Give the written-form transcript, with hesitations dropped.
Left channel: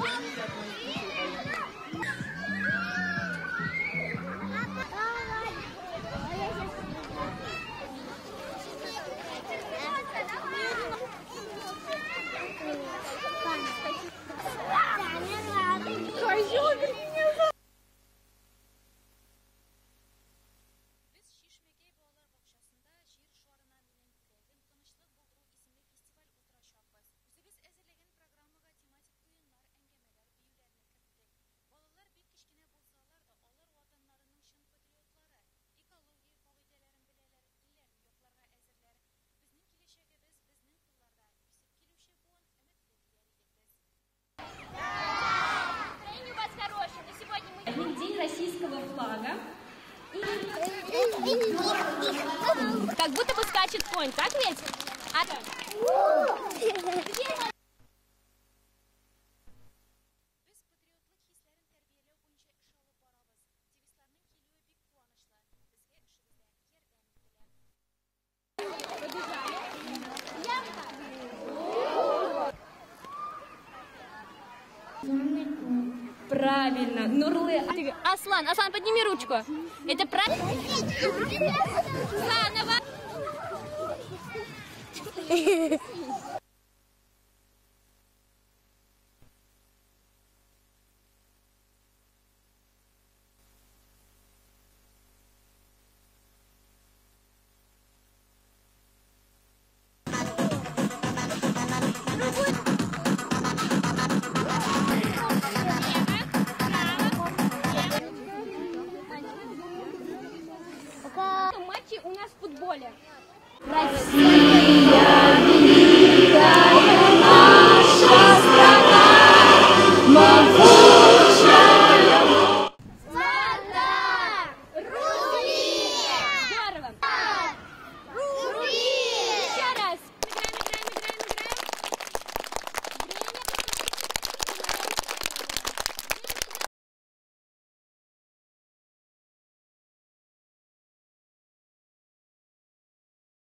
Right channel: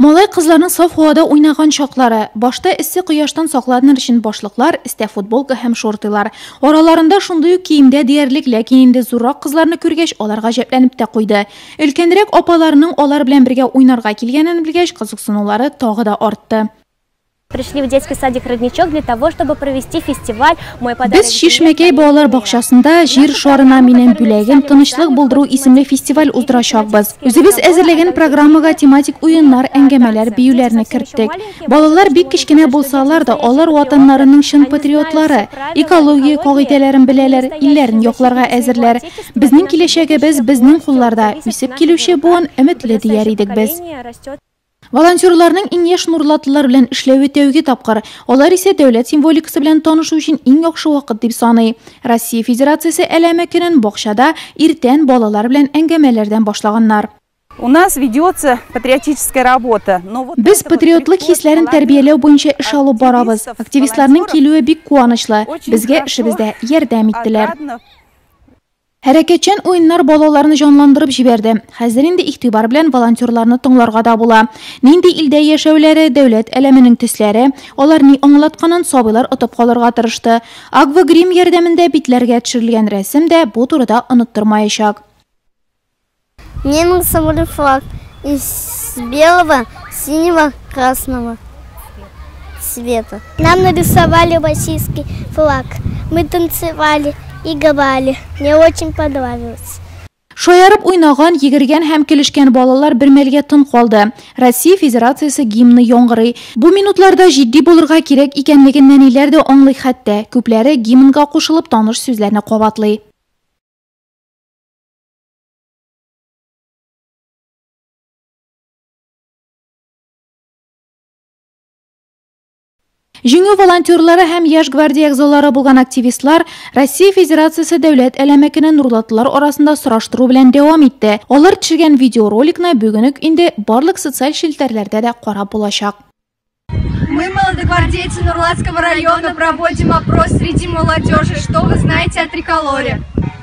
Malay qızlarının saf havada oynagan şaqları, başta issi quyoshdan saqlanan için başlıqlar, iste futbolka hem şortilar. Oralarında şunday kiyimde diyerlik, lakin indi zurraq qızlarını körgeç olar gajablanıp da qoydu. Ülkendirek opalarının olar bilen birge oynarga kelgenen bilgeç qiziqsinuvlari tog'i da ortdi. Пришли в детский садик «Родничок» для того, чтобы провести фестиваль. Biz Şişmekey Bağlar Bağçasında Jir Şuarına minen Bülegen Tanışlık Bulduru isimli festival uzduracaqbız. Özümüz әзірлеген programmaga tematik oyunlar, engemeler, biyulerini kirittik. Balalar bik kişkine bulsalar da onlar vatanlarının şın patriotları, ekologiya qogidelerin bileler, illerin yoklarga әзірлер. Bizning kelешегimiz bizning qo'llarda, üsüp kelüşe buan ümitli diyer idik biz. Volontyorlarning eng yash nurlatlılar bilan ishlab o'tayuga topqir. Ular ise davlat simvolikasi bilan tanishuv uchun eng yaxshi vaqt deb sanay. Rossiya Federatsiyasi alama kunin bog'chada ertan bolalar bilan angamelardan boshlaganlar. У нас ведется патриотическая работа. Biz patriotlik hislarini tarbiyalaw bo'yicha ish olib boramiz. Aktivistlarning keluvi bek quvonchli. Bizga ishimizda yordam etdilar. Hareketçen oyunlar bolalarını canlandırıp jiberdi. Hazır indi iktibar bilen volontyorlarını tinglarga da bula. Nindi ilde yaşavlari, devlet eleminin tüsleri, onlarni anlatkanan sobilar atıp kalırga tırıştı. Agva Grim yerdeminde bitlerge çirilgen resim de bu turda unutturmayacak. Мне нарисовали флаг из белого, синего, красного цвета. Нам нарисовали российский флаг. Мы танцевали и говорили. Мне очень понравилось. Şoyarıp oynagan, yigirgen hem kelişken balalar bir melge tın kaldı. Rossiya Federatsiyasi gimni yong'iri. Bu minutlarda jiddiy bo'lirga kerak ekanliginden ileride anlay hatta. Ko'plari gimnga qo'shilib tanish so'zlarni quvvatlay. Jüngü volontyorları hem yaş gvardiya a'zolari bo'lgan aktivistlar Rossiya Federatsiyasi davlat alamakini nurlatlılar orasında surashtiruv bilan davom etdi. Ular tushirgan videorolikni bugun endi barliq sotsial shelterlarda da qarab bo'lashaq. Мы, молодогвардейцы Нурлатского района, проводим опрос среди молодежи. Что вы знаете о триколоре?